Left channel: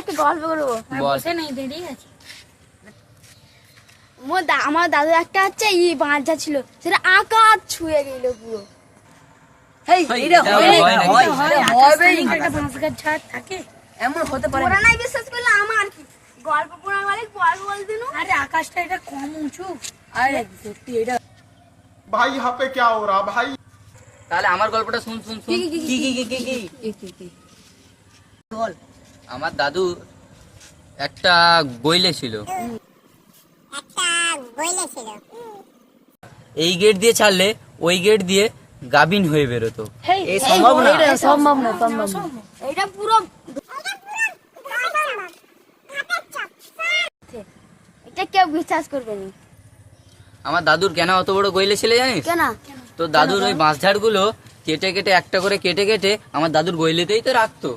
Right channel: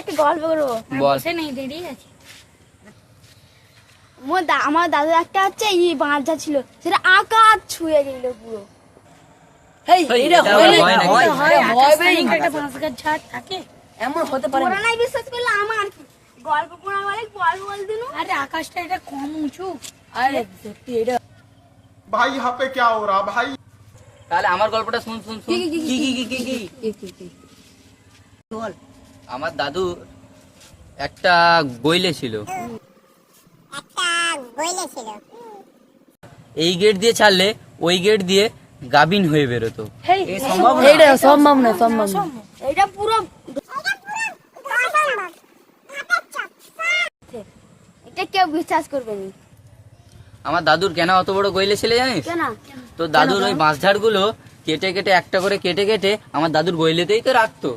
একটা গল্প করবো। আমার দাদু একটা হচ্ছে বাঁধা ছিল, সেটা আকাশ ছুঁয়ে গেল পুরো। বিশ্বাস করলে আমার গল্প পড়া বলে গল্প বলতে আরে আকাশটা এটা কম উঁচু। আরে সত্যি এটা ভাই यहाँ पे क्या हो रहा भाई। তাহলে আমার গল্পটা শুন শুন শুন। কি বল। আমার দাদু একটা গইলে ছিল। এই গেট দিয়ে ছাড়লে ওই গেট দিয়ে গাবিন হয়ে বেরোতো। এটা পুরো এটা কেউ বিশ্বাস করবে না। আমার দাদুর কেন অত বড় গইলে ছিল জানিস? তো দাদুর ওই বাঁশঝাড় গুলো কেটে কেটে একটা করে কেটে কেটে আমার দাদুর গইলেতেই তো রাখতো।